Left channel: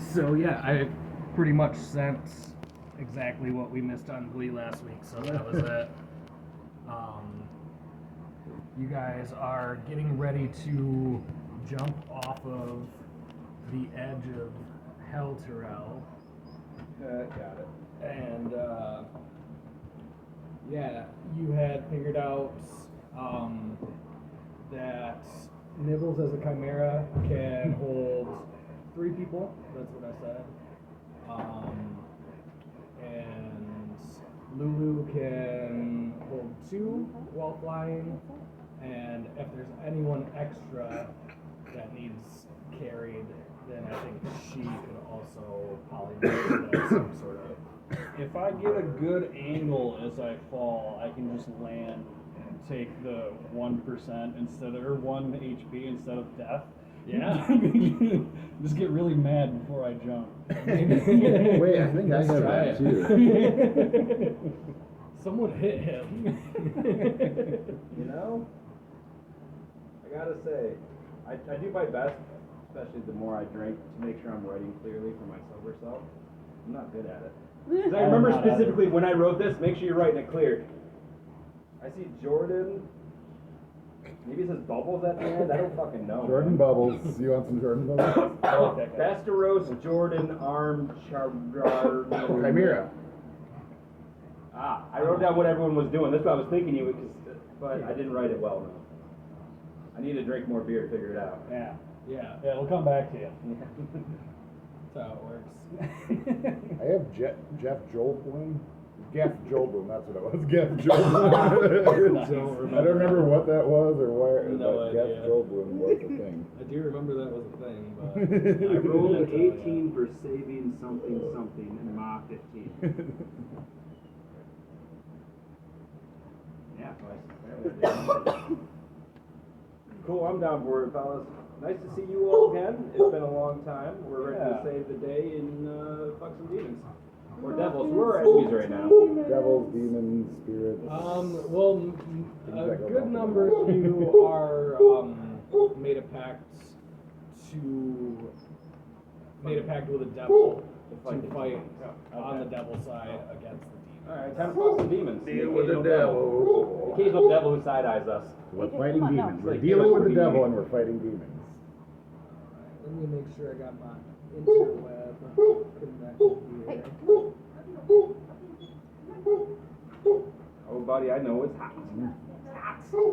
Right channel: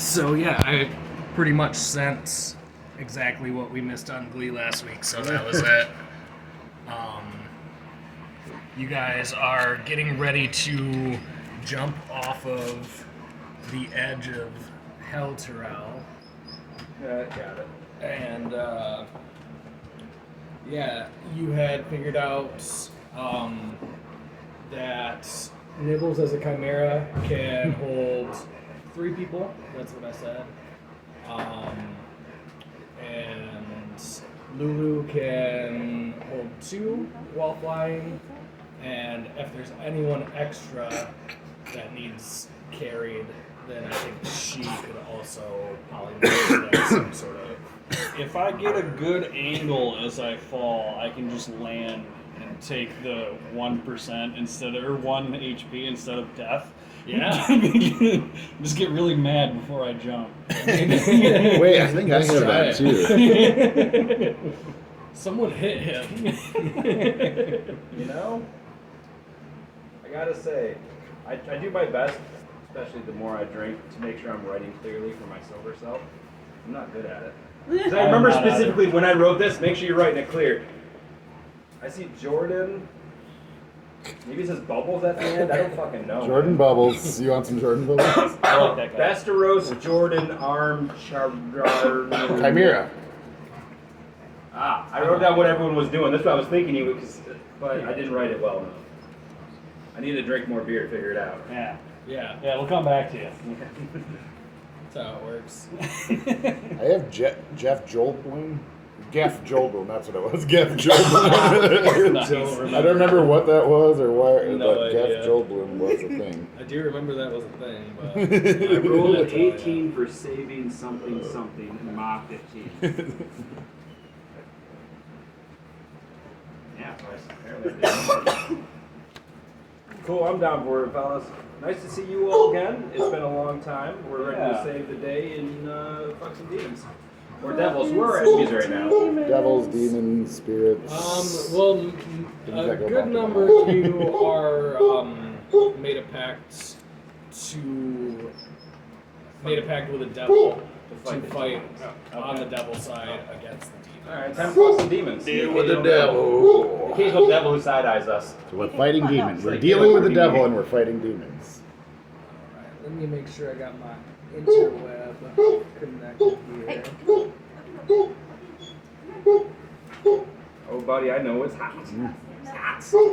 So yeah, I pretty much sent exactly what we missed on Glee last week, so that was it. You guys are getting ready to jump off of the edge of Hell Terrell. Got it. And yeah, you had figured out that Nibbles as a chimera can hold 3 people. That's what I said. And Lulu can hold 2 while flying. And if there's anyone extra that needs carried, then I think she could also polymorph as some sort of. If I get a good angle as I fall, I can just land and take the 1% instead of, or 1 HP instead of death. Yeah. Just get really mad before I jump. Wait, I think I have that too. Someone hit him. You know, I gotta say, I do my best, especially the more I drink, to make sure I'm writing clearly for my sober self. I'm not good at it. 'Cause I remember specifically when I wrote this, make sure you're writing it clear. I see Jordan. Maybe it says Bubbles at the end. I don't fucking know. Jordan Bubbles. You want some Jordan Bubbles? I like that guy. Besteros, Jordan, Arm, Chimera. Ah, I wrote down what everyone was doing. That's what I was thinking you would, but I didn't write it well enough. I need to drink more beer to figure it out. Yeah. Yeah, Yeah, we'll come back to you. that's how it works. I have Jeff Goldblum. Geff Goldblum, that's what it was. Geff Goldblum. Nice. I don't remember what that was or why, No but idea. Geff Goldblum was a thing. I do remember that was a thing, but I rolled an That's all I 18 for saving something and Ma 15. Yeah, apparently. Cool, I'm down for it, fellas. Nice to see you all again. It's been a long time. We're ready to Yeah. save the day and fuck some demons. Or devils. We're enemies right now. Devils, demons, spirits. well, a good number of you are made a pact with the devil to fight on the devil side against the demon. Alright, time to fuck some demons. Deal with the devil. The occasional devil who side eyes us. So we're fighting demons. We're Like, dealing with the yeah. devil and we're fighting demons. Alright, let me make sure I got my interweb connected here. Oh, buddy, I know it's hot.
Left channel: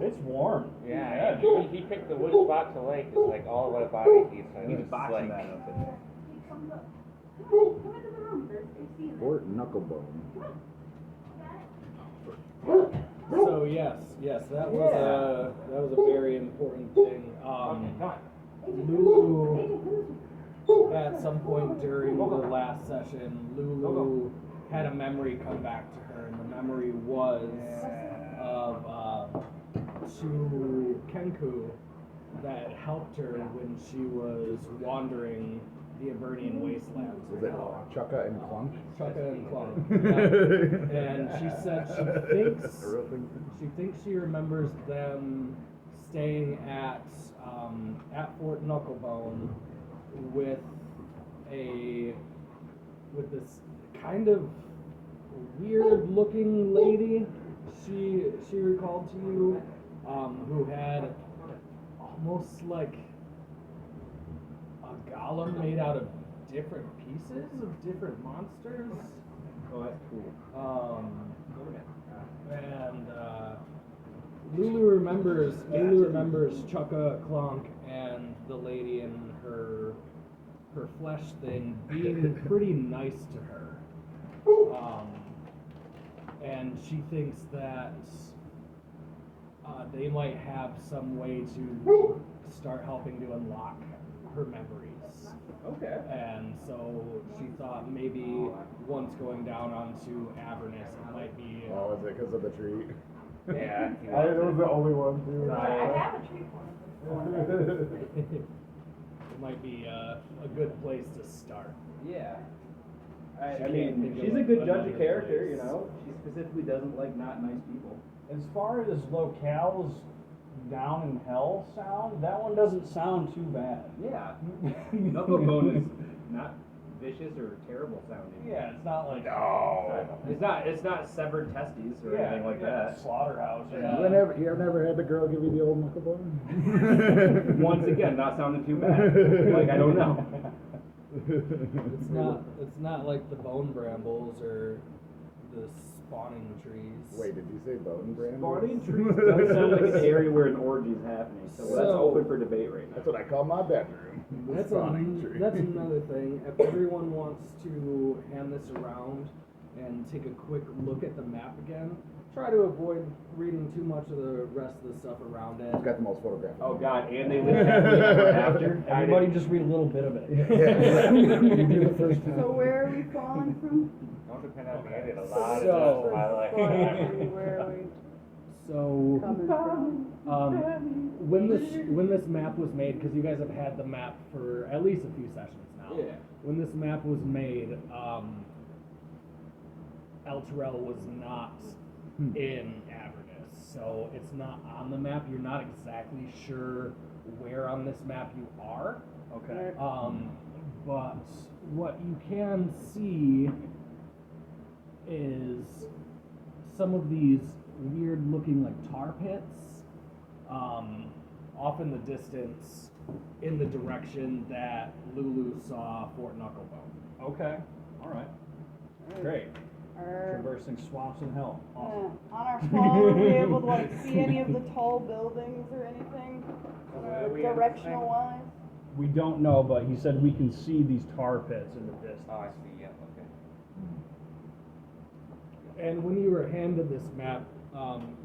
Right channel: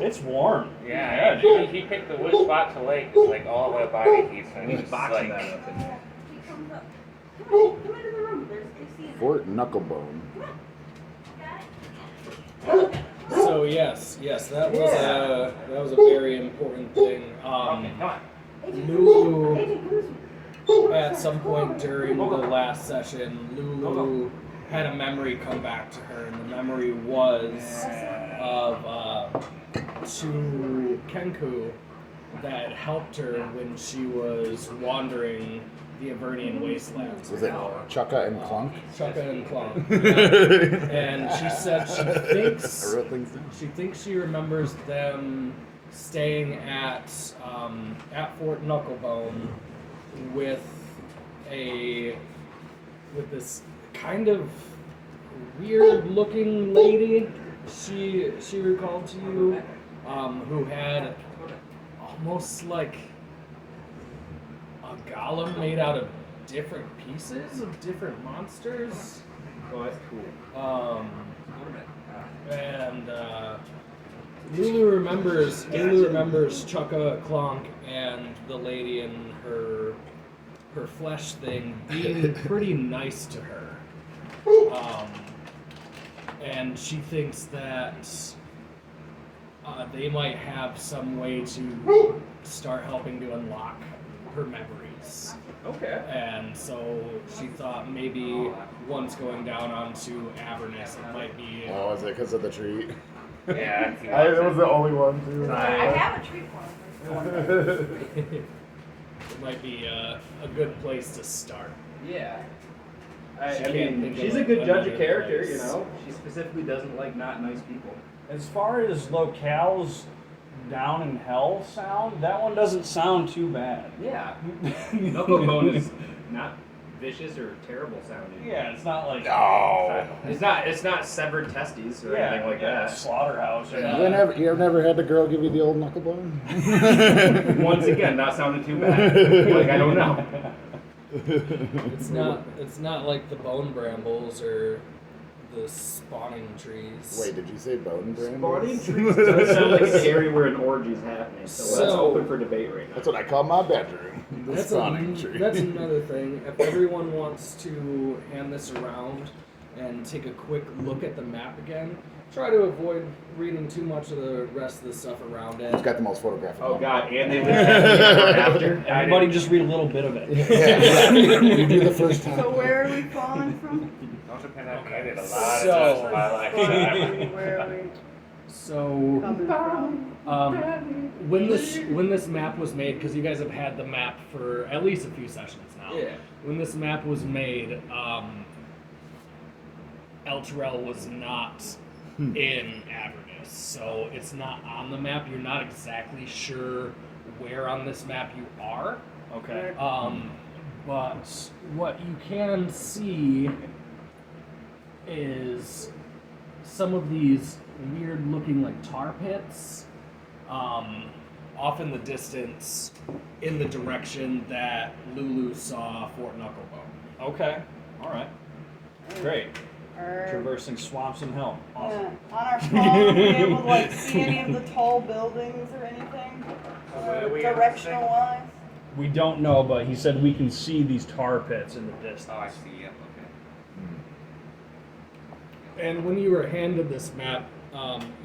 It's warm. Yeah, he picked the wood spot to lake. It's like all the way by the east and He's it's boxing like, that up in there. Fort Knucklebone. So yes, that was a very important thing. okay, come on. Lulu, at some point during the last session, Lulu had a memory come back to her, and the memory was of to Kenku that helped her when she was wandering the Avernian wastelands. Was it Chukka and Clunk? Chukka and Clunk. Yeah. And she said she thinks she remembers them staying at Fort Knucklebone with this kind of weird looking lady she recalled to you, who had almost like a golem made out of different pieces of different monsters. Oh, that's cool. And Lulu remembers Chukka, Clonk, and the lady in her flesh thing being pretty nice to her. And she thinks that they might have some way to start helping to unlock her memories. Okay. And so she thought maybe once going down onto Avernus, it might be. Oh, is it because of the tree? Yeah, if you That want was to. the only one too. I have a treat for him. It might be a good place to start. Yeah. She I can't mean, think of, she's a like, good judge of another character, place. you know? She specifically doesn't like not nice people. As far as locales down in hell sound, that one doesn't sound too bad. Yeah. Knucklebone is not vicious or terrible sounding. Yeah, it's not like No. It's not severed testes or anything like that. Slaughterhouse. Or You nothing. ever never had the girl give you the old knuckle bone? Once again, not sounding too bad. Like I don't know. It's not like the bone brambles or the spawning trees. Wait, did you say bone brand? Spawning trees does sound like an area where an orgy is happening, so that's So- open for debate right now. That's what I call my bedroom. The That's, spawning tree. that's another thing. If everyone wants to hand this around and take a quick look at the map again, try to avoid reading too much of the rest of the stuff around it. It's got the most photographic. Oh god, and they live happily ever after. Everybody just read a little bit of it. You do the first time. So where are we falling from? Don't depend on me. I did a lot So- of this in my life. Where are we So coming from? when this map was made, because you guys have had the map for at least a few sessions now. Yeah. When this map was made, El Terrell was not in Avernus, so it's not on the map. You're not exactly sure where on this map you are. Okay. But what you can see is some of these weird looking like tar pits off in the distance in the direction that Lulu saw Fort Knucklebone. Okay. All right. Great. Or, Traversing swamps and hell. Awesome. on our phone, are we able to like see any of the tall buildings or anything? What are we Directional wise? We don't know, but he said we can see these tar pits in the distance. Oh, I see. Yep. Okay. And when you were handed this map,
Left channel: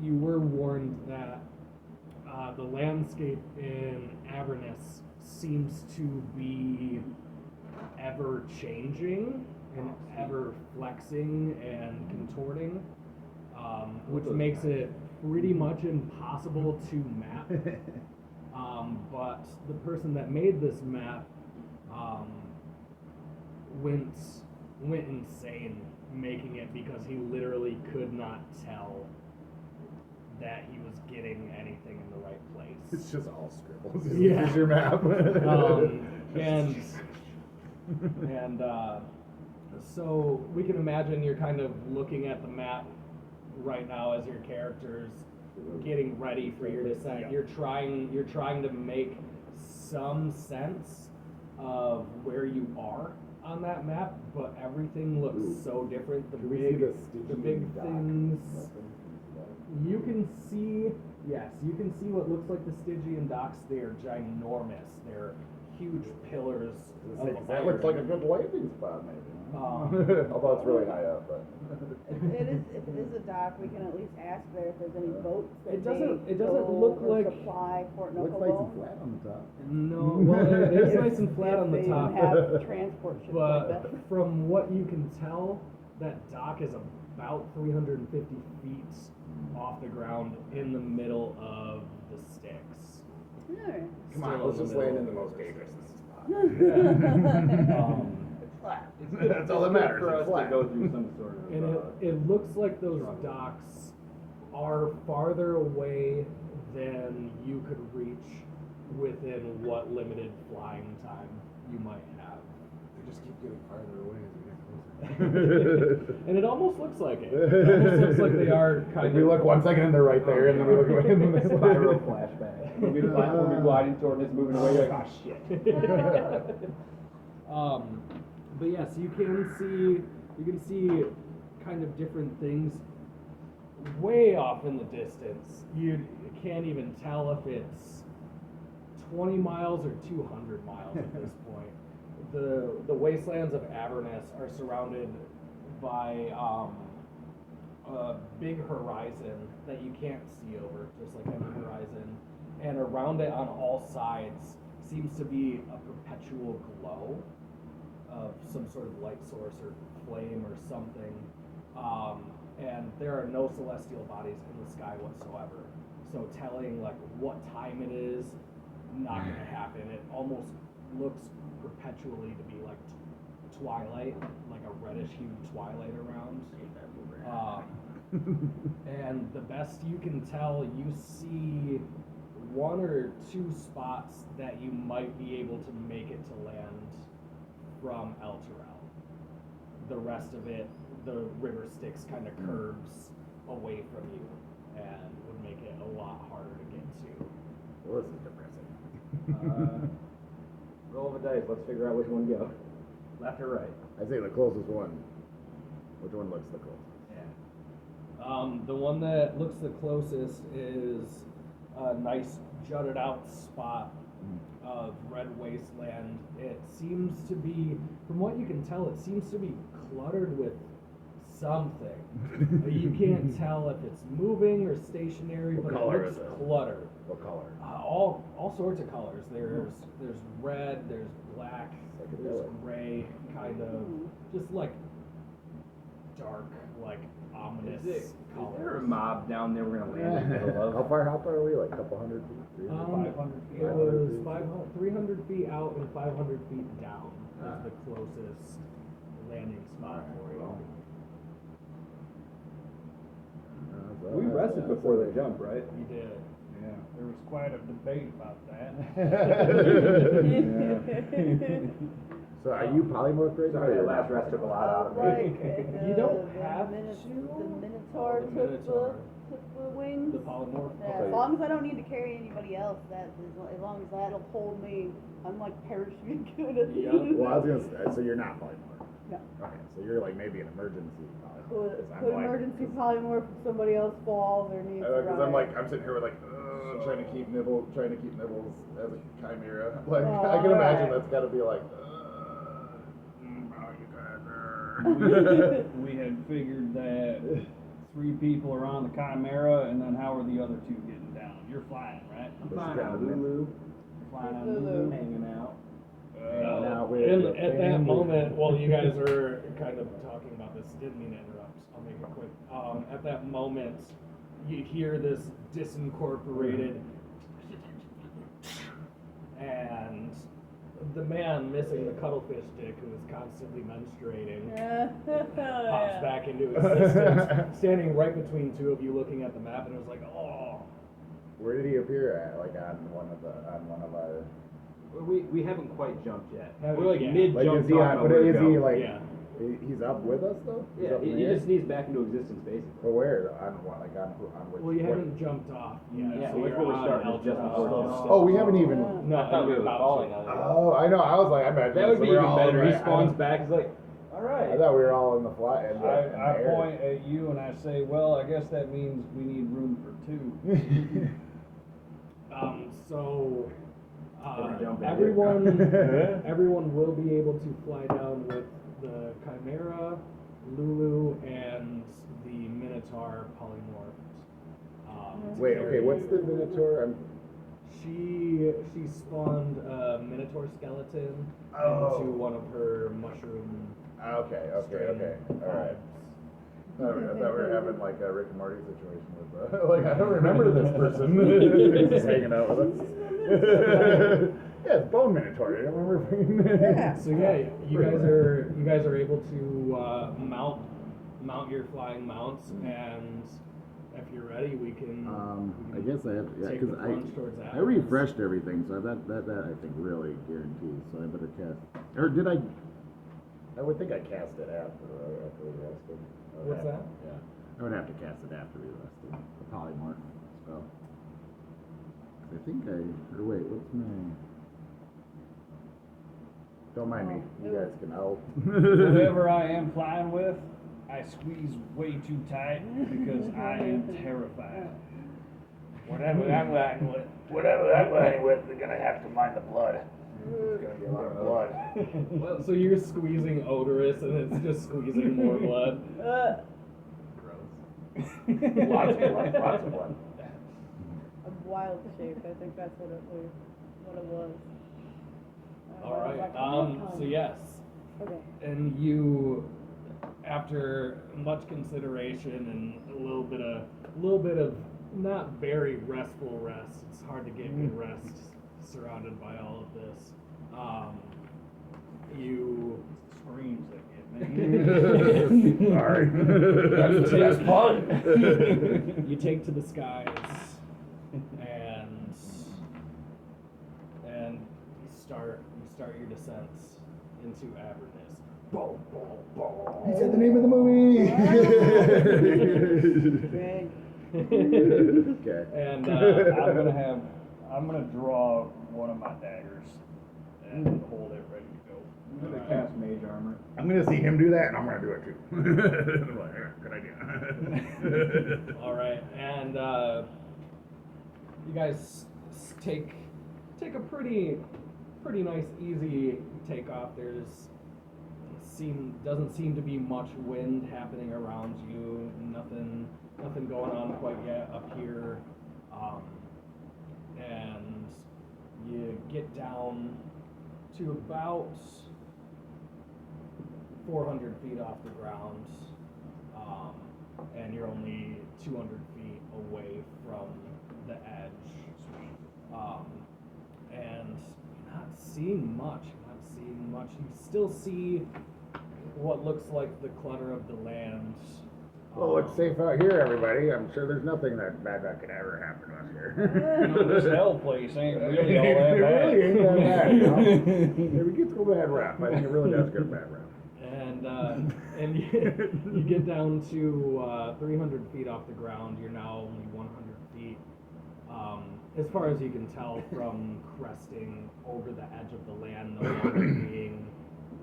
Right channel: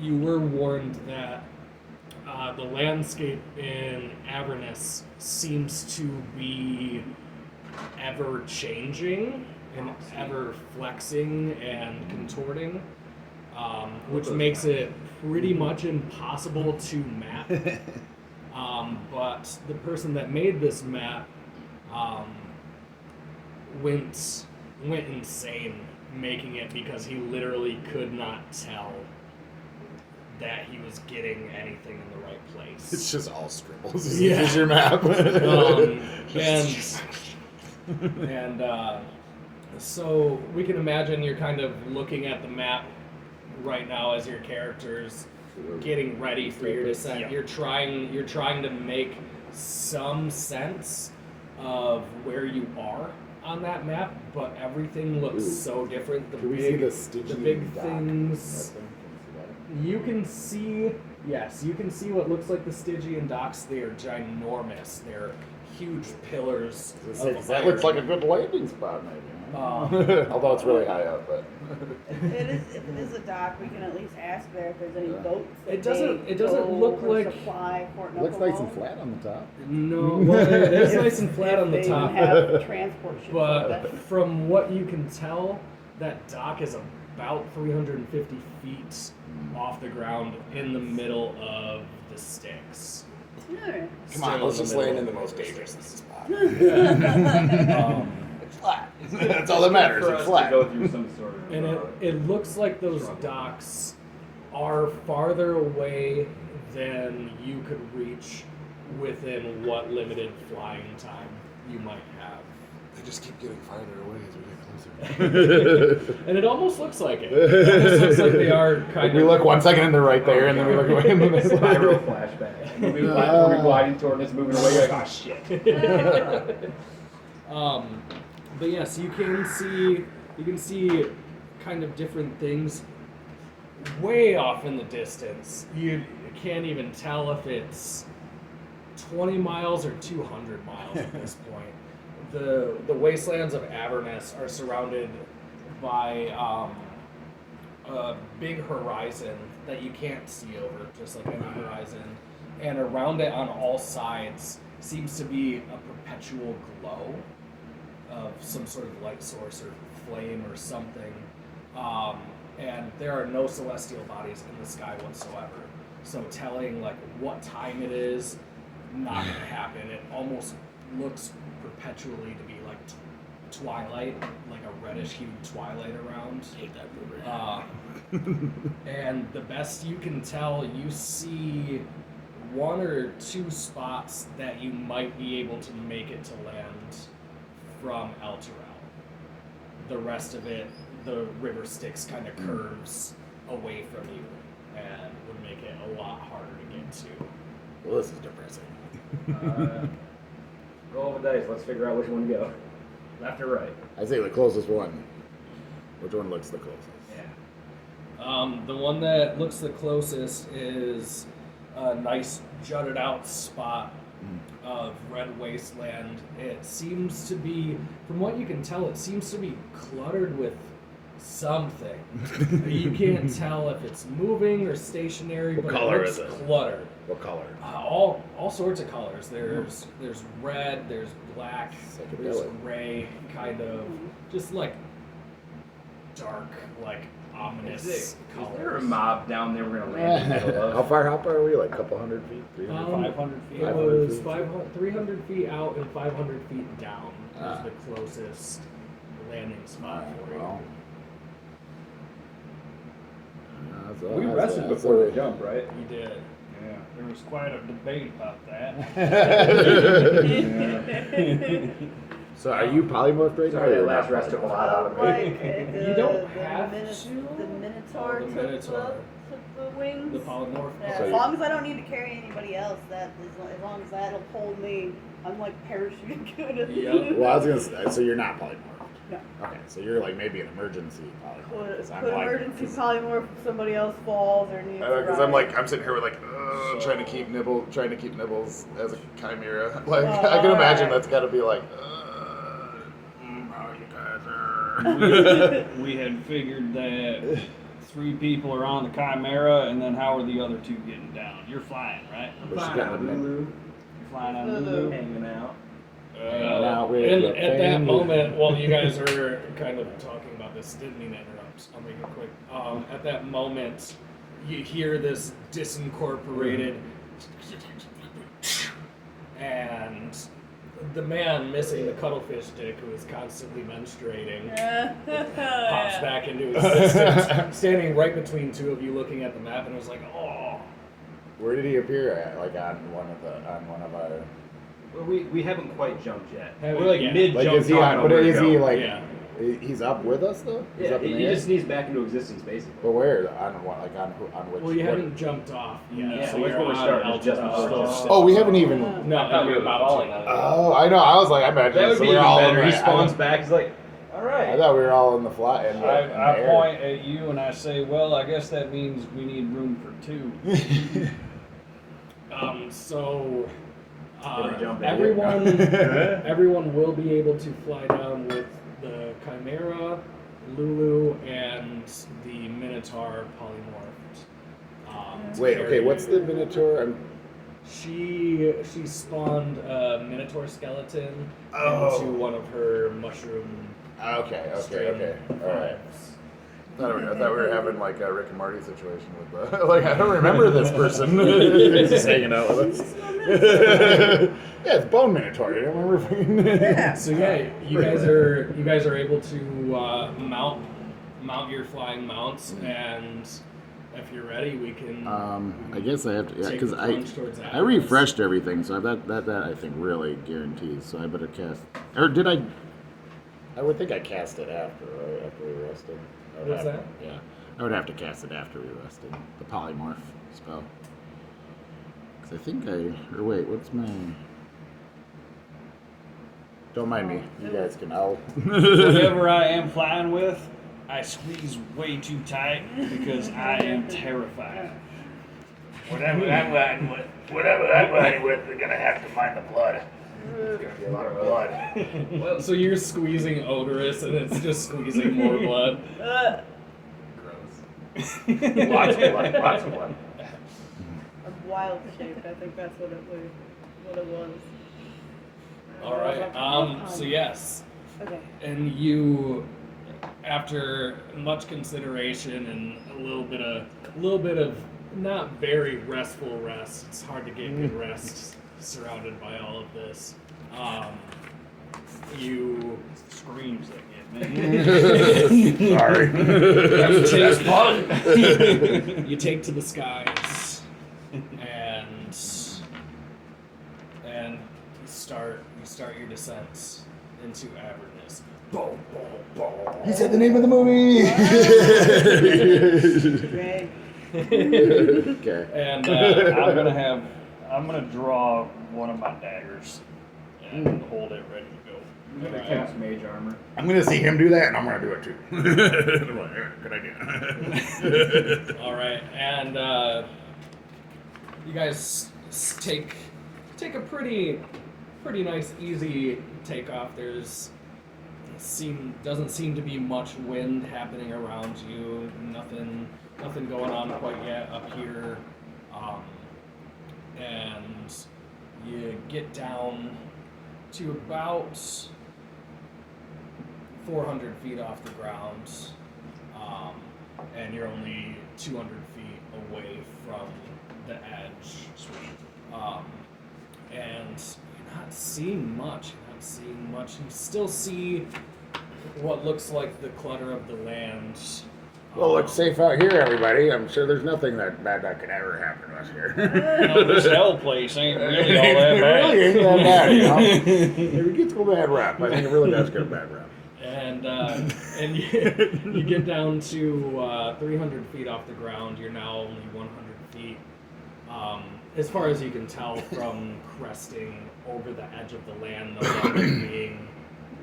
you were warned that the landscape in Avernus seems to be ever changing and ever flexing and contorting, which makes it pretty much impossible to map. But the person that made this map went insane making it because he literally could not tell that he was getting anything in the right place. It's just all scribbles. Yeah. This is your map. So we can imagine you're kind of looking at the map right now as your characters getting ready for your descent. Yeah. You're trying to make some sense of where you are on that map, but everything looks so different. The Can we see big, the Stygian the big dock? things. You can see, yes, you can see what looks like the Stygian docks. They are ginormous. They're huge pillars of That iron. looks like a good landing spot, maybe. Although it's really high up, but If it is a dock, we can at least ask there if there's any boats. that It doesn't- they it doesn't go look or like- supply Fort it looks nice and Knucklebone. flat on the top. No, well, it is nice and flat on the If top, they even have transport ships like but that. from what you can tell, that dock is about 350 feet off the ground in the middle of the Styx. Alright. Come on, Still let's in just the land middle in the of most the dangerous Styx. spot. Um, It's flat. That's all that matters. For It's us to flat. go through some sort of. And it looks like those struggle. docks are farther away than you could reach within what limited flying time you might have. They just keep getting farther away as we get closer. And it almost looks like it. It almost looks like they are kind We of. look 1 second and they're right there, and then we look away. And then it's Spiral flashback. Moving platform, gliding toward us, moving away. You're like, oh shit. But yes, you can see kind of different things way off in the distance. You can't even tell if it's 20 miles or 200 miles at this point. The wastelands of Avernus are surrounded by a big horizon that you can't see over, just like any horizon. And around it on all sides seems to be a perpetual glow of some sort of light source or flame or something. And there are no celestial bodies in the sky whatsoever. So telling like what time it is, not gonna happen. It almost looks perpetually to be like twilight, like a reddish hued twilight around. And the best you can tell, you see 1 or 2 spots that you might be able to make it to land from El Terrell. The rest of it, the river Styx kind of curves away from you and would make it a lot harder to get to. Well, this is depressing. Roll of a dice. Let's figure out which one to go. Left or right? I say the closest one. Which one looks the closest? The one that looks the closest is a nice jutted out spot of red wasteland. It seems to be, from what you can tell, it seems to be cluttered with something. You can't tell if it's moving or stationary, What but color it looks is it? cluttered. What color? All sorts of colors. There's red, there's black, there's Psychedelic. gray, kind of just like dark, like ominous Is colors. there a mob down there we're gonna land in the middle How of? far up are we? Like a couple hundred feet? 300 feet? 500 feet. It was 300 feet out and 500 feet down was Ah. the closest landing spot for you. Wow. We rested before the jump, right? You did. Yeah, there was quite a debate about that. So are you polymorphed right now? Sorry, or that you're last not rest took a lot out of me. Like, You don't have the to. The Minotaur, Oh, the took, Minotaur. took the wings. The polymorph. Yeah, Okay. as long as I don't need to carry anybody else, as long as that'll hold me, I'm like parachuting good. Yep. Well, I was gonna say, so you're not polymorphed. No. Okay, so you're like maybe an emergency polymorph. Could, 'cause I'm could like- emergency polymorph if somebody else falls or needs a Because ride. I'm like, I'm sitting here with like, trying to keep Nibbles as a chimera. Like, I can imagine that's got to be like, oh, you guys are. We had figured that 3 people are on the Chimera, and then how are the other 2 getting down? You're flying, right? I'm But she flying got on the Lulu, You're flying on Lulu. Lulu. hanging out. Now with And the at that family. moment, while you guys are kind of talking about this, didn't mean to interrupt. I'll make it quick. At that moment, you hear this disincorporated, and the man missing the cuttlefish dick, who is constantly menstruating, pops back into existence, standing right between 2 of you, looking at the map, and was like, "Oh." Where did he appear at? Like on one of our. Well, we haven't quite jumped yet. Haven't We're like yet. mid Like, jump. is he on? What is he like? Yeah. He's up with us though. He's Yeah, up in he the air? just sneezed back into existence, basically. But where? On what? Like on which? Well, you what- haven't jumped off yet. Yeah, so which you're one we're on starting is just Alta before Vista. jump. Oh, we haven't even. No, I thought we you're were about falling to. on you. Oh, I know. I was like, I imagine That would so be we're even all in better. the- He spawns back. He's like, all I right. thought we were all in the fly. In the I air. point at you and I say, well, I guess that means we need room for 2. So Can we jump in? everyone will be able to fly down with the Chimera, Lulu, and the Minotaur polymorphed. Wait, okay. What's the Minotaur? She spawned a Minotaur skeleton Oh. into one of her mushroom Okay. string All right. vibes. I thought we were having like a Rick and Morty situation with like I don't remember this person. Just hanging out with us. Yeah, it's Bone Minotaur. You don't remember? Yeah. So yeah, you guys are able to mount your flying mounts, and if you're ready, we can. I guess I have to, yeah, Take because the plunge towards I Atlas. refreshed everything, so that I think really guarantees. So I better cast, or did I? I would think I cast it after, right? After we rested. I would What's have- that? Yeah, I would have to cast it after we rested. The polymorph spell. Because I think or wait, what's my? Don't mind me. You guys can. I'll. Whatever I am flying with, I squeeze way too tight because I am terrified. Whatever I'm riding with, they're gonna have to mind the blood. It's gonna be a lot of blood. Well, so you're squeezing odorous, and it's just squeezing more blood. Lots of blood. Lots of blood. A wild shape. I think that's what it was. All right. So yes, Okay. and you, after much consideration and a little bit of not very restful rest. It's hard to get good rest surrounded by all of this. You Screams that get me. Sorry. That's fun. You take to the skies and you start your descent into Avernus. Boom, boom, boom. He said the name of the movie. Great. Okay. And I'm gonna draw one of my daggers and hold it ready to go. I'm gonna cast mage armor. I'm gonna see him do that, and I'm gonna do it too. I'm like, yeah, good idea. All right, and you guys take a pretty nice, easy takeoff. Doesn't seem to be much wind happening around you. Nothing going on quite yet up here, and you get down to about 400 feet off the ground, and you're only 200 feet away from the edge. And you're not seeing much. You still see what looks like the clutter of the land. Well, it's safe out here, everybody. I'm sure there's nothing that bad that could ever happen to us here. This hell place ain't really all that It bad. really ain't that bad, you know? It gets a bad rap. I think it really does get a bad rap. And you get down to 300 feet off the ground. You're now only 100 feet. As far as you can tell from cresting over the edge of the land, no longer being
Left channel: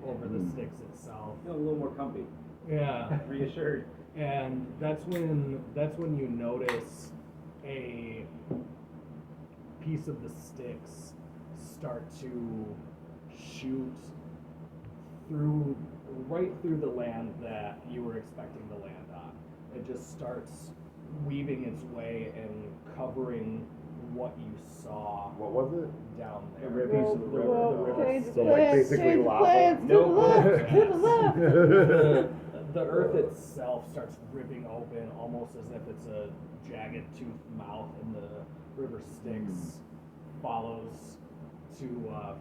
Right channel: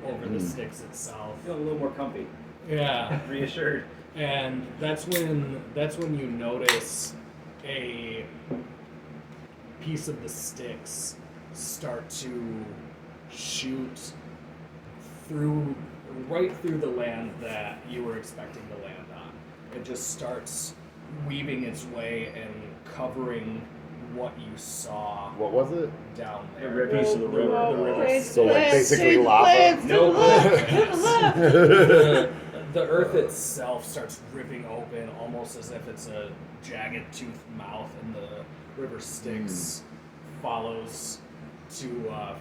over the sticks itself. Feel a little more comfy. Yeah. Reassured. And that's when you notice a piece of the sticks start to shoot right through the land that you were expecting to land on. It just starts weaving its way and covering what you saw What was it? down A there. rip piece of the river. So, like, basically lava? Plants, No to the left, to the left. The earth itself starts ripping open, almost as if it's a jagged toothed mouth, and the river Styx follows to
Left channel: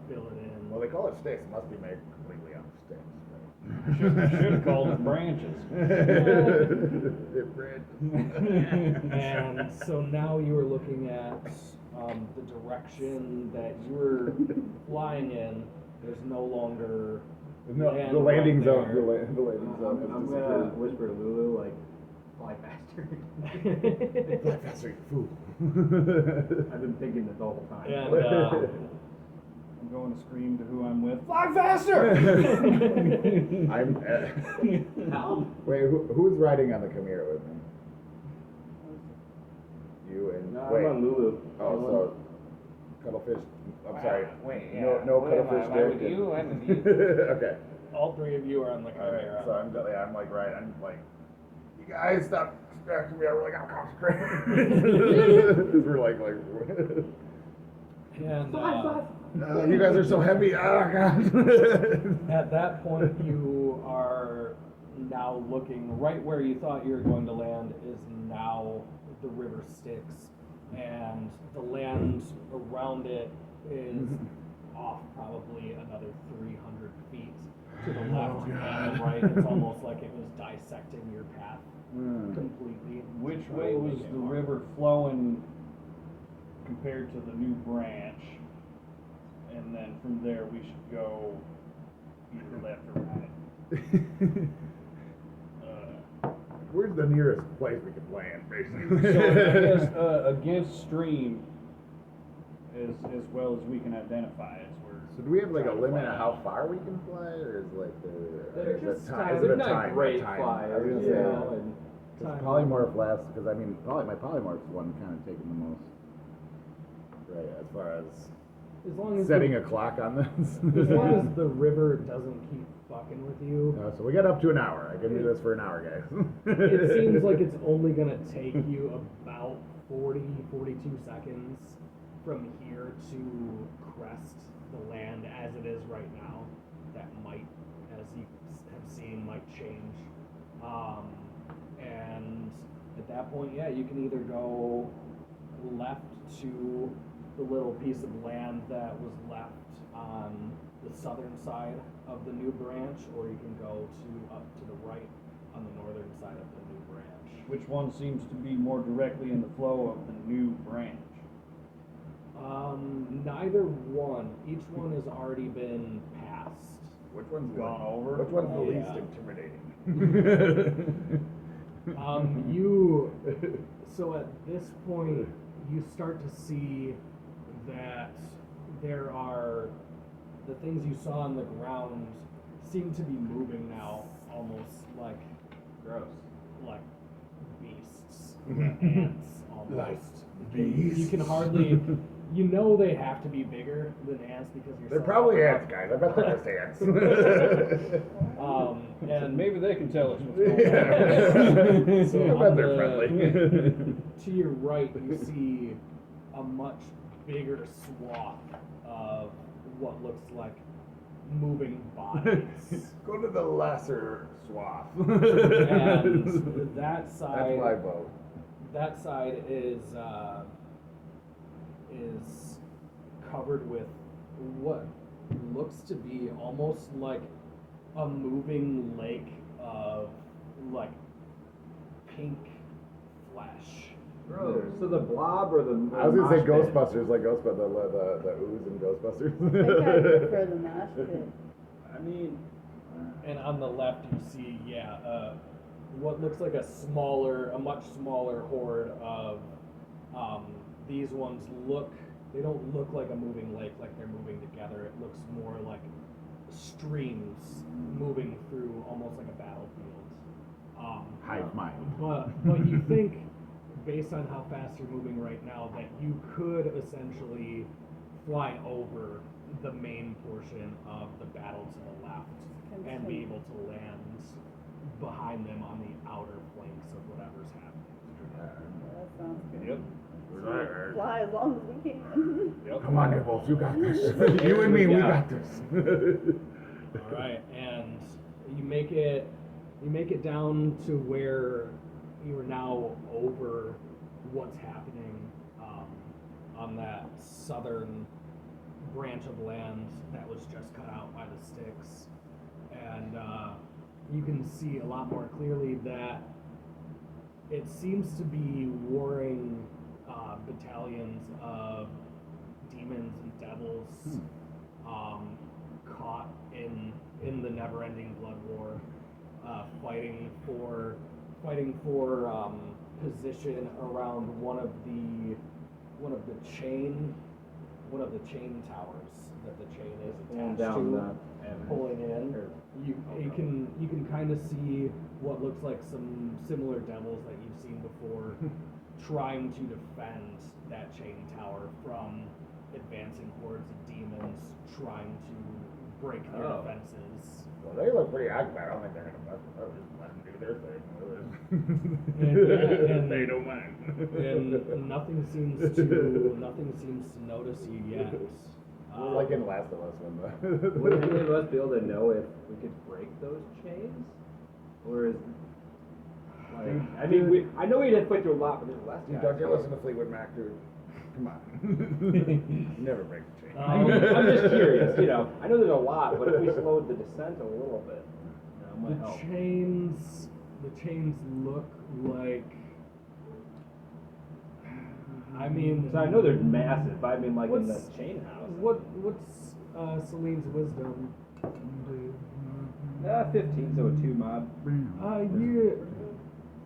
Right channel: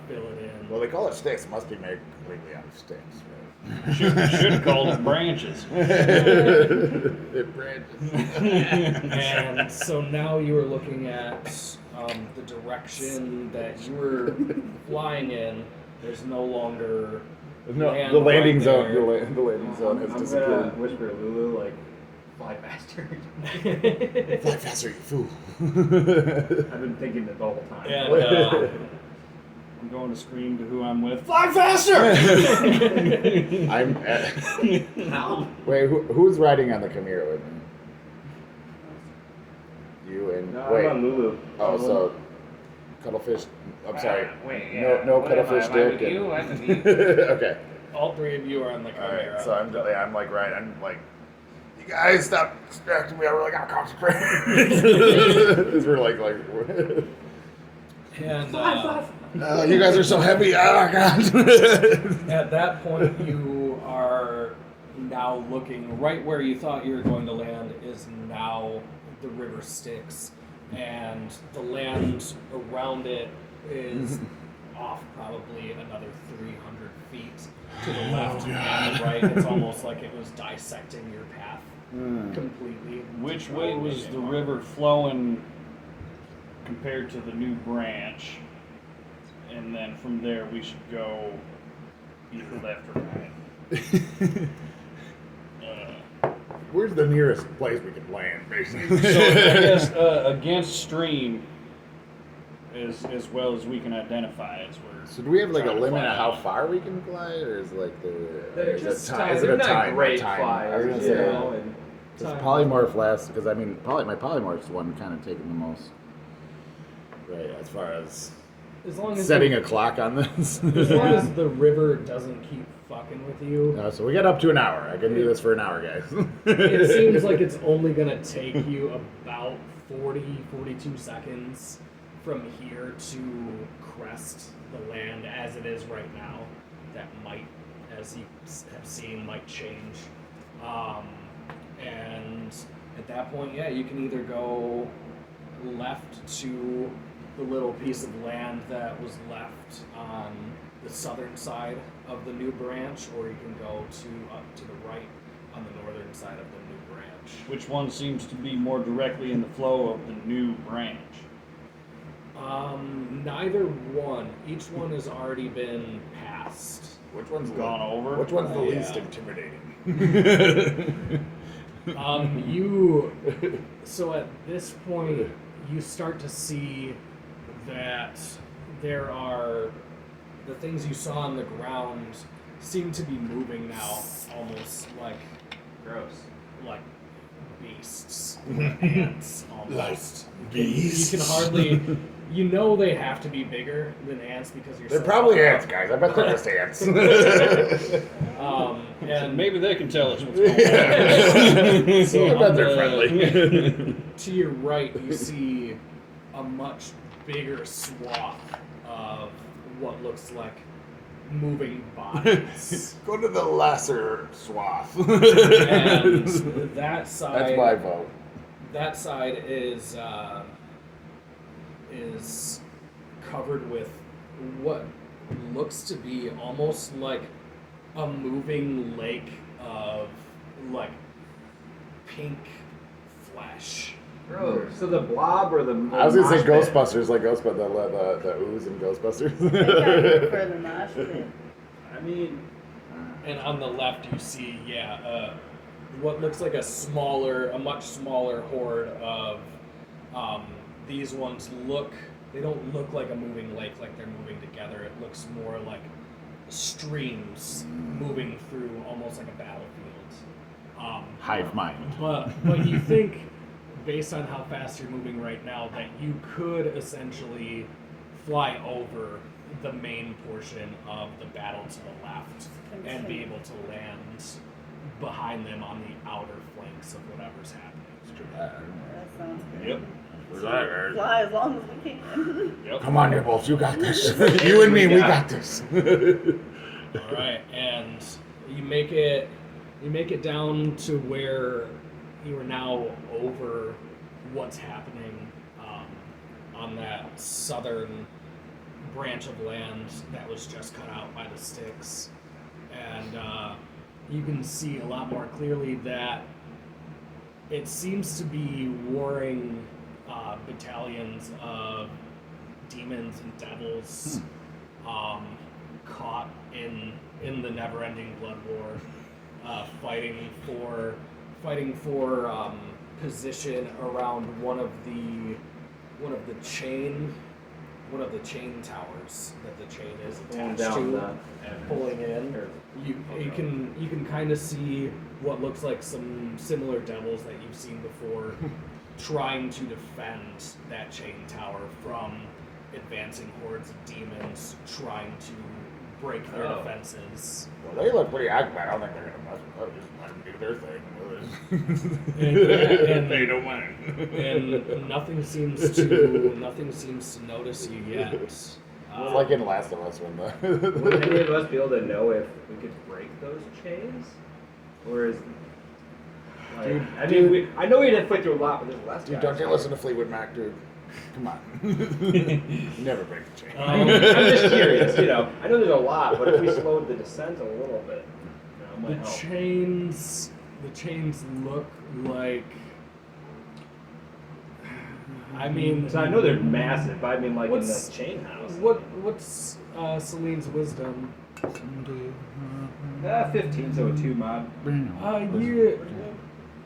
fill it in. Well, they call it sticks. It must be made completely out of sticks, Should have called it branches. right? It branches. And so now you are looking at the direction that you were flying in. There's no longer No, land the landing right zone. there. The landing zone I'm has gonna disappeared. whisper to Lulu, like, fly faster. Fly faster, you fool. I've been thinking that the whole time. And I'm going to scream to who I'm with. Fly faster! I'm at, How? wait, who's riding on the Chimera with me? You and No, wait. I'm on Lulu. Oh, so Cuttlefish. I'm sorry. Wait, No, yeah. no What am I? Cuttlefish Am I Dick with and- you? I'm with you. Okay. all three of you are on the All Chimera. right. So I'm like right. I'm like, you guys stop distracting me. I really gotta concentrate. Because we're like. And You guys are so heavy. Oh god. at that point, you are now looking right where you thought you were going to land is now the river Styx, and the land around it is off probably another 300 feet to the left and the right. It's almost like it was dissecting your path completely. Which way was the river flowing compared to the new branch? And then from there we should go either left or right. Where's the nearest place we can land, basically? So I guess against stream, as well as we can identify, is where. So do we have like a trying to limit fly of how out. far we can fly, or is like They're is just it time. is it They're a not time- great time? flyers, I was you gonna say, know. And does polymorph last? Because I mean, my polymorph's the one kind of taking the most. Right, as far as As long as setting the, a clock on this. as long as the river doesn't keep fucking with you. So we got up to an hour. I can do this for an hour, guys. It seems like it's only going to take you about 42 seconds from here to crest the land as it is right now. That might, as you have seen, might change. And at that point, yeah, you can either go left to the little piece of land that was left on the southern side of the new branch, or you can go up to the right on the northern side of the new branch. Which one seems to be more directly in the flow of the new branch? Neither one. Each one has already been passed. Which one's gone over. Which one's the Yeah. least intimidating? So at this point, you start to see that there are the things you saw on the ground seem to be moving now, almost Gross. like beasts, ants almost. beasts? You can hardly. You know they have to be bigger than ants because you're. They're so probably far ants, up. guys. I bet they're just ants. And And maybe they can tell us what's going on. So I bet on they're the- friendly. to your right, you see a much bigger swath of what looks like moving bodies. Go to the lesser swath. And that side, That's my vote. that side is covered with what looks to be almost like a moving lake of like pink flesh. Gross. So the blob or the I was gonna say mosh pit? Ghostbusters, like Ghostbusters, the ooze in They gotta go Ghostbusters. for the mosh pit. I mean, And on the left, you see, what looks like a much smaller horde of. These ones they don't look like a moving lake, like they're moving together. It looks more like streams moving through, almost like a battlefield. Hive mind. But you think, based on how fast you're moving right now, that you could essentially fly over the main portion of the battle to the left and be able to land behind them on the outer flanks of whatever's happening. That sounds good. Yep. Fly as long as we can. Yep. Come on, Nibbles, you got this. You and me, we got this. All right, and you make it down to where you are now over what's happening on that southern branch of land that was just cut out by the sticks, and you can see a lot more clearly that it seems to be warring battalions of demons and devils caught in the never-ending blood war, fighting for position around one of the chain towers that the chain is pulling attached down to, the pulling in. You can kind of see what looks like some similar devils that you've seen before, trying to defend that chain tower from advancing hordes of demons trying to break their Oh. defenses. Well, they look pretty active. I don't think they're gonna just let them do their thing. And- They don't mind. And nothing seems to notice you yet. It's like in Last of Us when would any the of us be able to know if we could break those chains, or is like I know we'd have put through a lot, but there's less. dude, guys. don't you listen to Fleetwood Mac, dude? Come on, never break the chain. I'm just curious. I know there's a lot, but if we slowed the descent a little bit, it might The help. chains look like. I mean, So I know they're massive, but I mean like in What's- the chain house. what's Celine's wisdom? 15, so a 2 mod.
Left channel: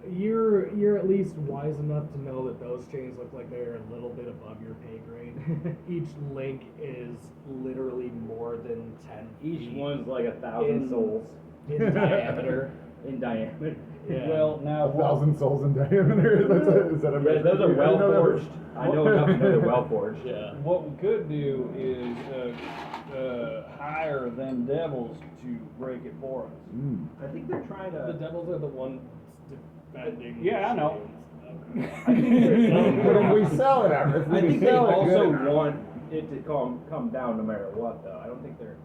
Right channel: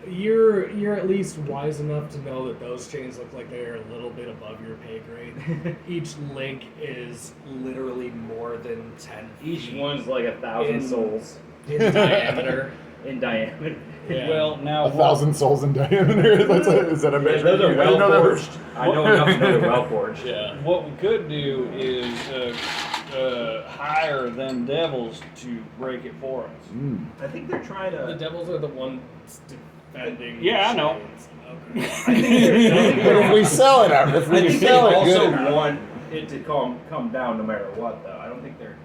You're at least wise enough to know that those chains look like they're a little bit above your pay grade. Each link is literally more than 10 Each feet one's like 1,000 In- souls in diameter. in diameter. Yeah. Well, now 1,000 souls in diameter. Is that a Yeah, measure? those are I didn't well know that was- forged. I know enough to know they're well forged. Yeah. what we could do is hire them devils to break it for us. Mm. I think they're trying The to. devils are the ones defending. Yeah, I the know. chains. I think they're. If we sell it, if we I think they sell it also good enough. want it to come down no matter what, though. I don't think they're.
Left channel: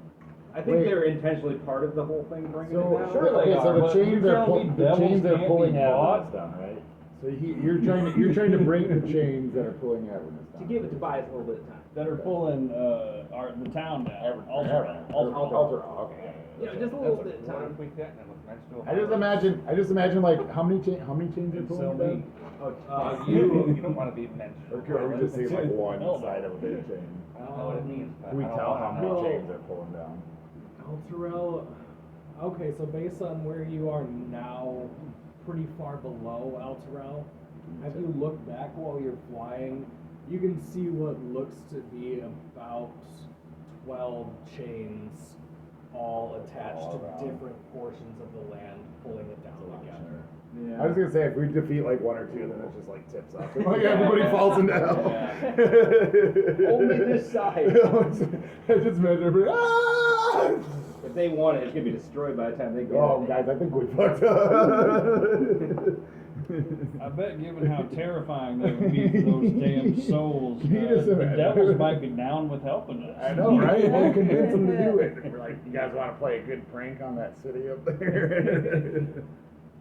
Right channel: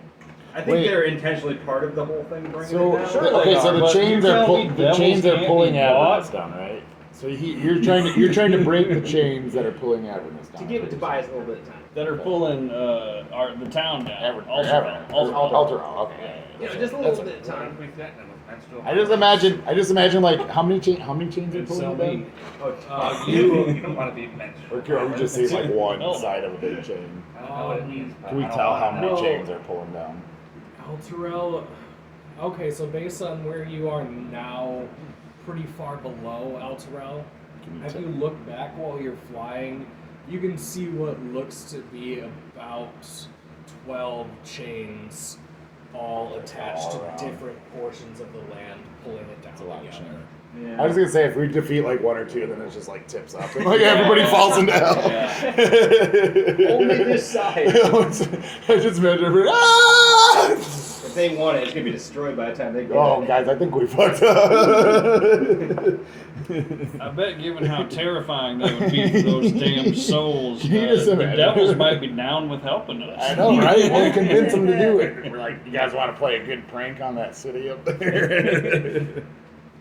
I think Wait. they're intentionally part of the whole thing, bringing So, it down. Sure they okay, so are, the but chains you are tell me devils can't be bought? down, right? So you're trying to break the chains that are pulling Avernus down. To give it to Tobias a little bit of time. That are pulling the town down. Alderaan. Alderaan. Okay. Just a little bit of time. I just imagine like how many chains are Could sell pulling me. down? Oh, You don't want to be mentioned. Or can we just see like one side of a big chain? I don't know what it means. but Can we I don't tell wanna how many know. chains are pulling down? Elturel. Okay, so based on where you are now, pretty far below Elturel, if you look back while you're flying, you can see what looks to be about 12 chains all attached to different portions of the land, pulling it down together. Yeah. I was gonna say if we defeat like one or two, then it just like tips up. Like everybody falls into hell. Only this side. I just imagine everybody. Ah! If they want it, it's gonna be destroyed by the time they get Oh, it. guys, I think we fucked up. I bet, given how terrifying that would be for those damn souls, Can you just the imagine? devils might be down with helping us. I know, right? We'll convince them to do it. We're like, you guys want to play a good prank on that city up there?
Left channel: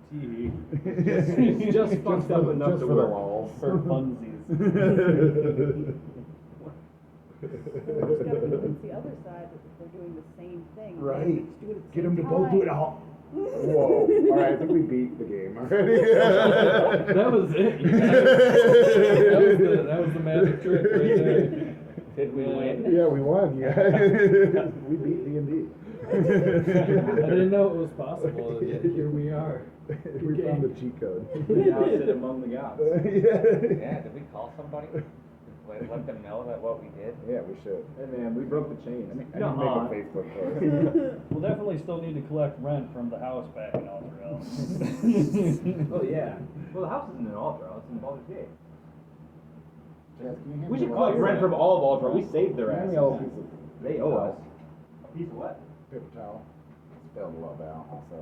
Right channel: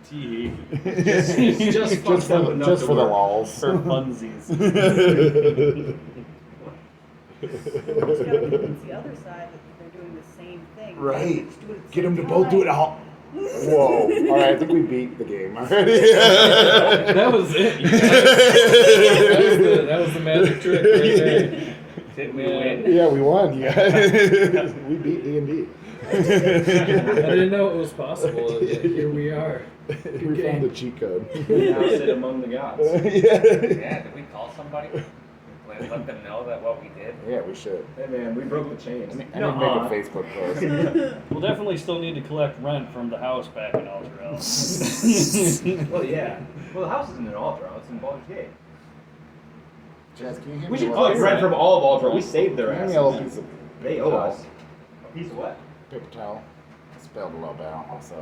Just fucked up enough just to for the work. lulls. For funsies. So we just gotta convince the other side that they're doing the same thing. Right. Just do it at the Get same them to both do it time. all. Whoa. All right, I think we beat the game already. That was it. You guys. That was the magic trick right there. Did we Yeah. win? Yeah, we won. Yeah. We beat D&D. I didn't know it was possible, and yet here we are. We found the cheat code. We now sit among the gods. Yeah. Yeah, did we call somebody? Let them know that what we did? Yeah, we should. Hey man, we broke the chains. I need to Nuh-uh. make a Facebook post. We'll definitely still need to collect rent from the house back in Elturel. Well, yeah. Well, the house isn't in Ultra. It's in Baldur's Gate. Jazz, can you hand We me should a collect little- rent from all of Ultra. We saved their Hand me a little asses. piece of They owe us. A piece of what? paper towel. I spilled a little bit out also.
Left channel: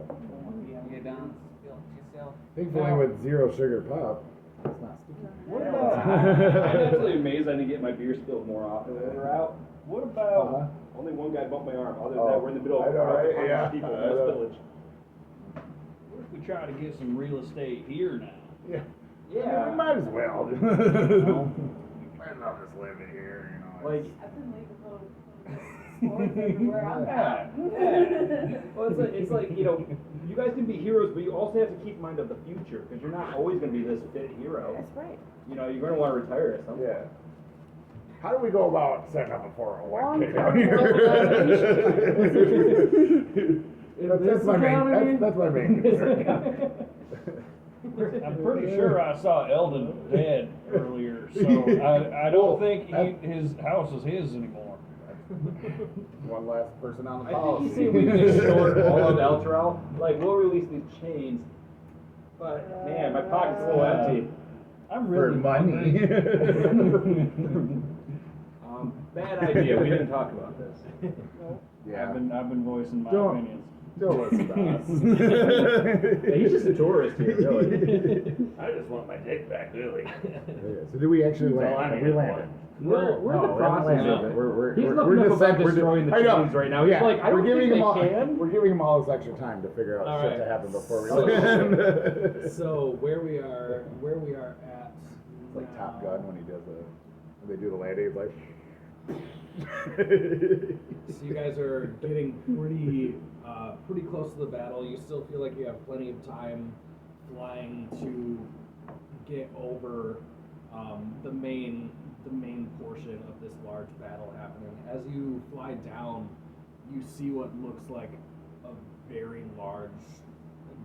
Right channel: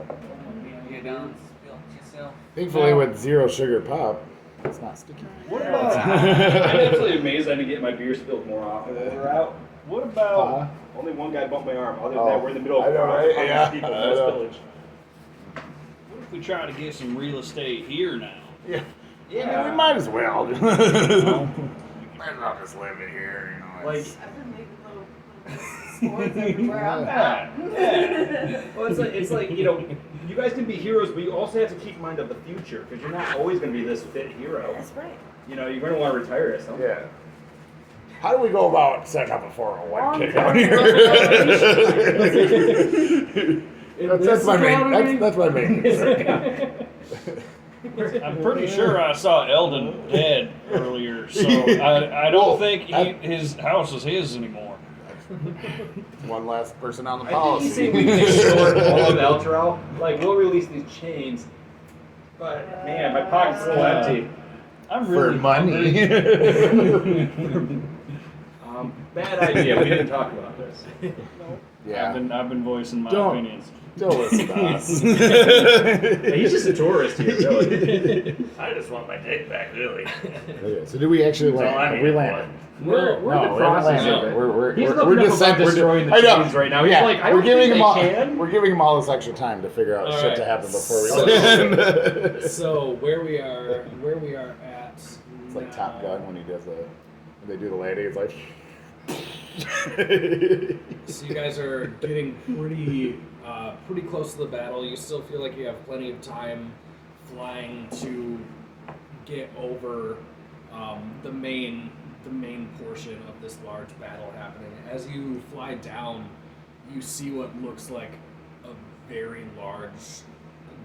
Get down, spill yourself. Thankfully, with 0 sugar pop, it's not sticky. What about? I'm absolutely amazed I didn't get my beer spilled more often when we were out. What about Only one guy bumped my arm. Other than Oh, that, we're in the middle of I know, 100 right? people, Yeah, no I know. spillage. what if we try to get some real estate here now? Yeah. Yeah. We might as well. Might as well just live it here, you know. Like, it's- I've been leaving little spores everywhere I'm at. well, it's like you guys can be heroes, but you also have to keep in mind of the future because you're not always going to be this fit hero. That's right. You know, you're going to want to retire at some point. Yeah. How do we go about setting up a 401k? That's my main. That's my main concern. I'm pretty sure I saw Eldon dead earlier, so I don't think his house is his anymore. One last person on the I think policy. you say we can extort all of Elturel. Like, we'll release these chains, but man, my pocket's a little empty. I'm For really money. Bad idea. We didn't talk about this. Yeah. I've been voicing my Don't. opinions. Don't listen to us. Yeah, he's just a tourist here, really. I just want my dick back, really. So do we actually That's all I'm land? We here land. We're in No, the process we're of it. We're, He's we're, looking we're up just about we're- destroying the I know. chains right now. He's Yeah, like, I don't we're giving think him they all, can. We're giving him all this extra time to figure out All shit right. to happen before we So- land. So where we are at. It's like Top Gun when he does when they do the landing. It's like. So you guys are getting pretty close to the battle. You still feel like you have plenty of time flying to get over the main portion of this large battle happening. As you fly down, you see what looks like a very large